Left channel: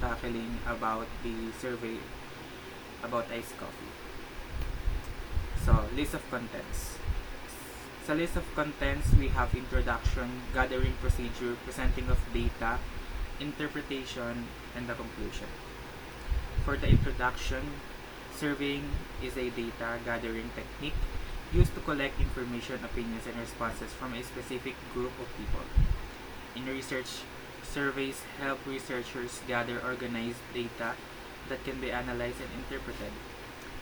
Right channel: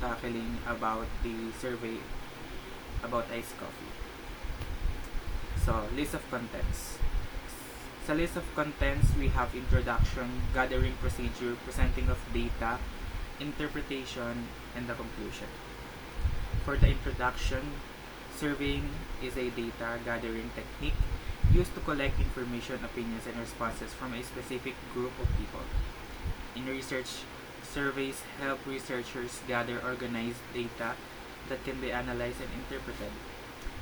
tackling about the survey about iced coffee. So, list of contents. Sa list of contents, we have introduction, gathering procedure, presenting of data, interpretation, and the conclusion. For the introduction, surveying is a data gathering technique used to collect information, opinions, and responses from a specific group of people. In research, surveys help researchers gather organized data that can be analyzed and interpreted.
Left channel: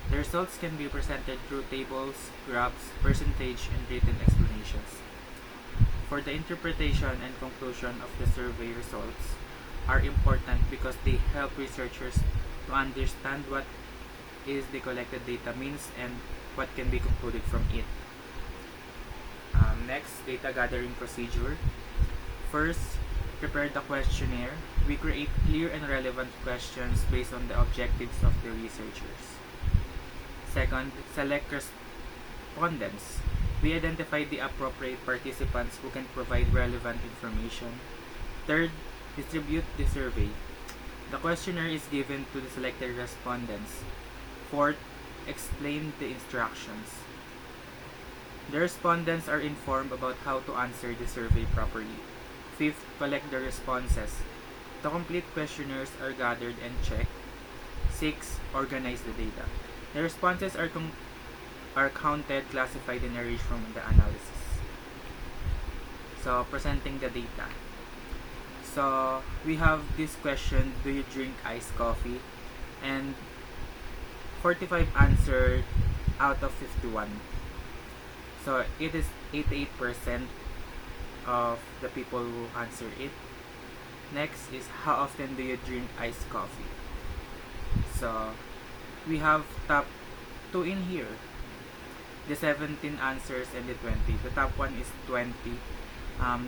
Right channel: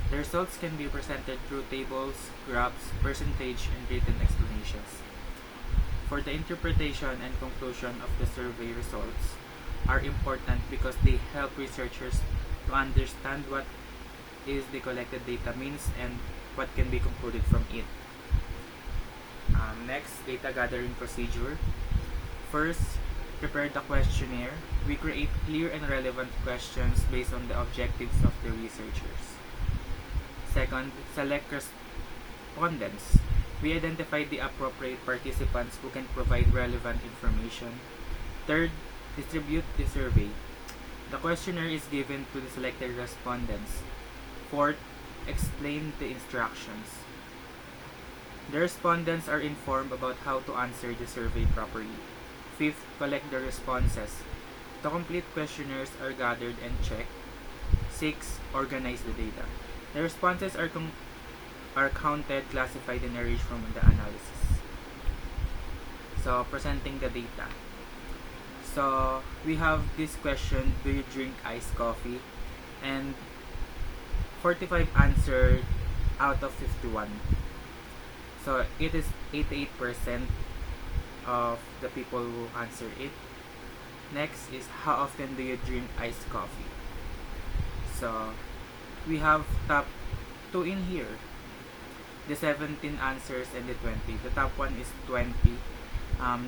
The results can be presented through tables, graphs, percentage, and written explanations. For the interpretation and conclusion of the survey results are important because they help researchers to understand what is the collected data means and what can be concluded from it. Next, data gathering procedure. First, prepare the questionnaire. We create clear and relevant questions based on the objectives of the researchers. Second, select respondents. We identify the appropriate participants who can provide relevant information. Third, distribute the survey. The questionnaire is given to the selected respondents. Fourth, explain the instructions. The respondents are informed about how to answer the survey properly. Fifth, collect the responses. The complete questionnaires are gathered and checked. 6. Organize the data. The responses are counted, classified, and arranged from the analysis. So, presenting the data. So, we have this question, do you drink iced coffee? And 45 answered out of 51. So, it is 88% of the people who answer it. Next is, how often do you drink iced coffee? So, we have top 2 in here. The 17 answers and the 20. The top one is 20.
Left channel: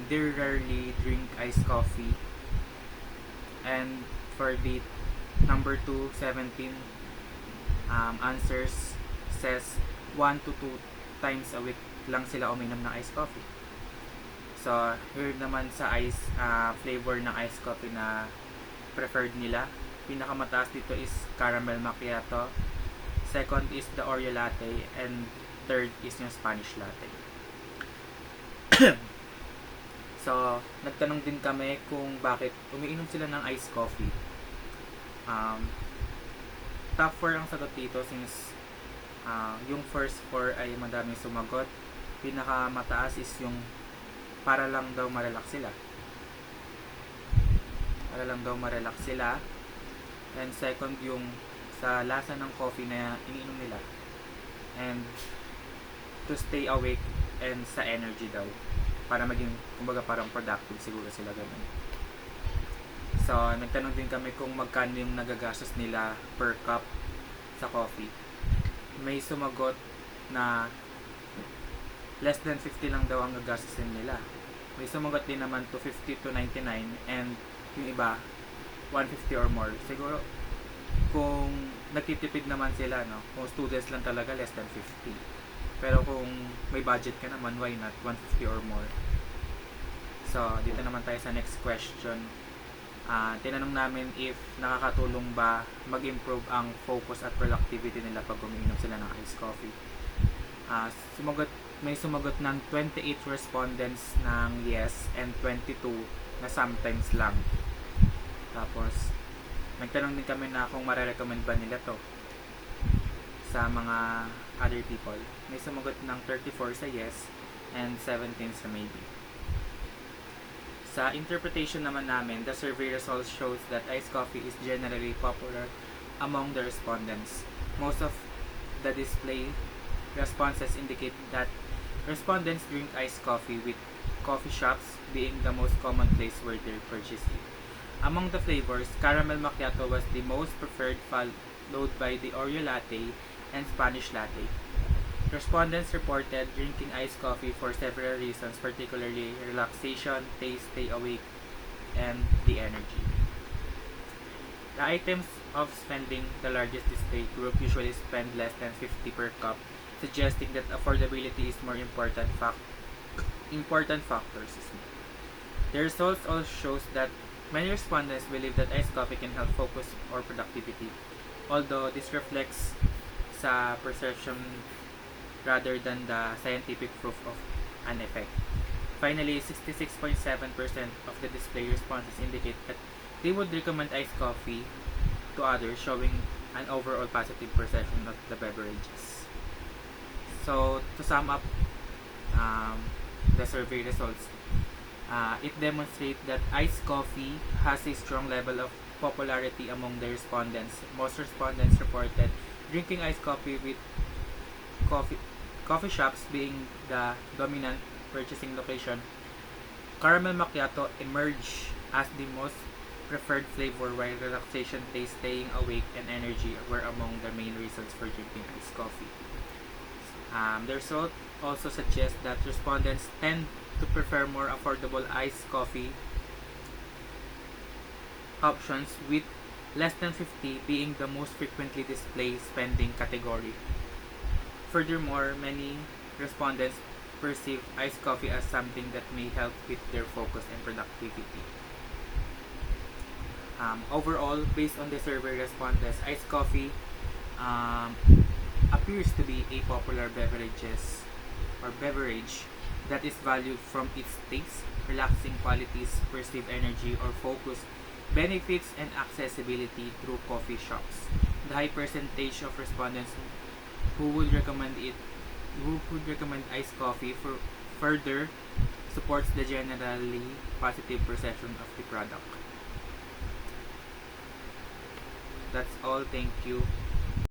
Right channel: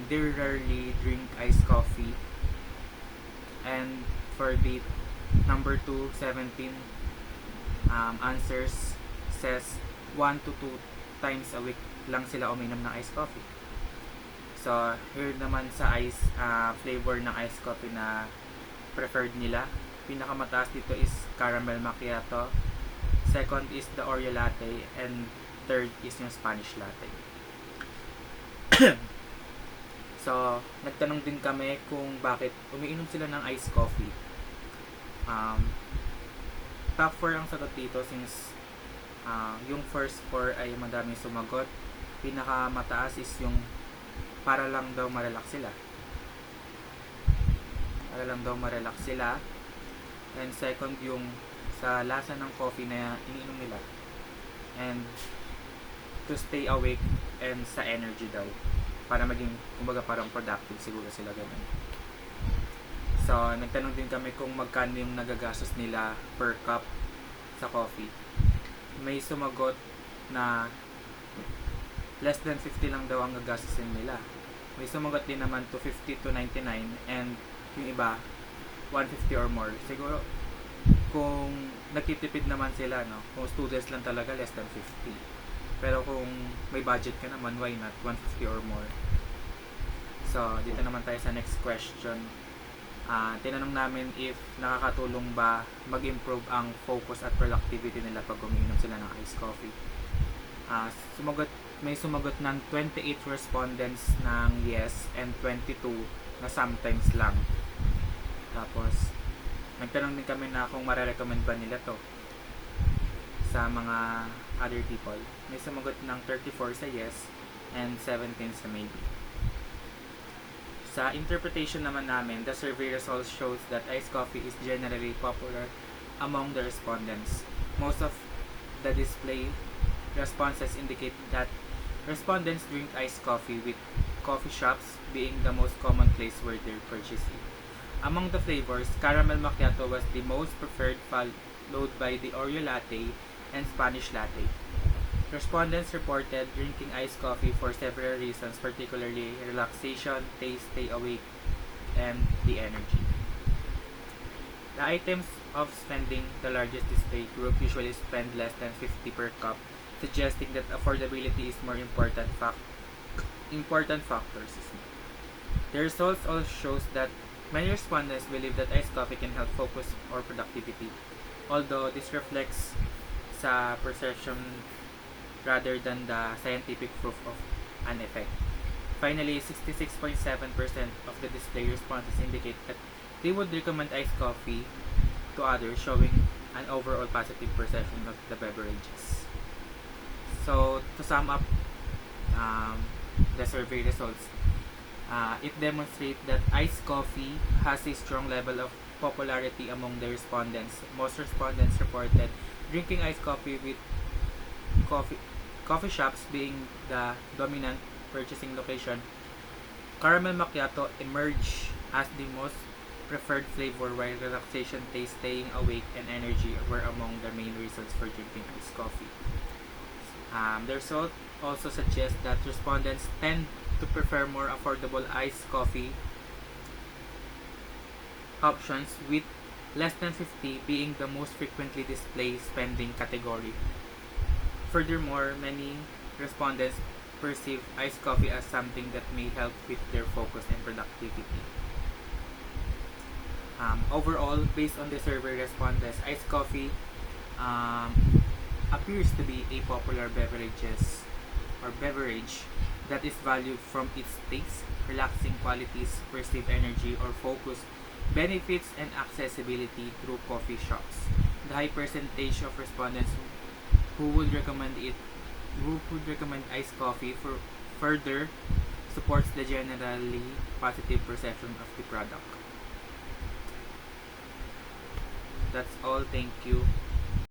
They rarely drink iced coffee. And for the number 2, 17 answers says 1 to 2 times a week lang sila uminom ng iced coffee. So, here naman sa ice flavor ng iced coffee na preferred nila. Pinakamataas dito is caramel macchiato. Second is the Oreo latte. And third is yung Spanish latte. So, nagtanong din kami kung bakit umiinom sila ng iced coffee. Top 4 ang sagot dito since yung first 4 ay madaming sumagot. Pinakamataas is yung para lang daw marelax sila. Para lang daw marelax sila. And second yung sa lasa ng coffee na iniinom nila. And to stay awake and sa energy daw. Para maging, kumbaga parang productive siguro sila ganun. So, nagtanong din kami kung magkano yung nagagastos nila per cup sa coffee. May sumagot na less than 50 lang daw ang gagastusin nila. May sumagot din naman to 50 to 99 and yung iba 150 or more. Siguro kung nagtitipid naman sila, no? Kung students lang talaga, less than 50. Pero kung may budget ka naman, why not 150 or more? So, dito naman tayo sa next question. Tinanong namin if nakakatulong ba mag-improve ang focus at productivity nila pag umiinom sila ng iced coffee. May sumagot ng 28 respondents ng yes and 22 na sometimes lang. Tapos, nagtanong din kami na kung marerecommend ba nila to sa mga other people. May sumagot ng 34 sa yes and 17 sa maybe. Sa interpretation naman namin, the survey results shows that iced coffee is generally popular among the respondents. Most of the display responses indicate that respondents drink iced coffee, with coffee shops being the most common place where they purchase it. Among the flavors, caramel macchiato was the most preferred, followed by the Oreo latte and Spanish latte. Respondents reported drinking iced coffee for several reasons, particularly relaxation, taste, stay awake, and the energy. The items of spending, the largest display group usually spend less than 50 per cup, suggesting that affordability is more important factor. The results also shows that Many respondents believe that iced coffee can help focus or productivity, although this reflects sa perception rather than the scientific proof of an effect. Finally, 66.7% of the display responses indicate that they would recommend iced coffee to others, showing an overall positive perception of the beverages. So, to sum up the survey results, it demonstrates that iced coffee has a strong level of popularity among the respondents. Most respondents reported drinking iced coffee with coffee shops being the dominant purchasing location. Caramel macchiato emerged as the most preferred flavor, while relaxation, taste, staying awake, and energy were among the main reasons for drinking iced coffee. The result also suggests that respondents tend to prefer more affordable iced coffee options, with less than 50 being the most frequently displayed spending category. Furthermore, many respondents perceive iced coffee as something that may help with their focus and productivity. Overall, based on the survey respondents, iced coffee appears to be a popular beverage that is valued from its taste, relaxing qualities, perceived energy or focus, benefits, and accessibility through coffee shops. The high percentage of respondents who would recommend iced coffee for further supports the generally positive perception of the product. That's all. Thank you.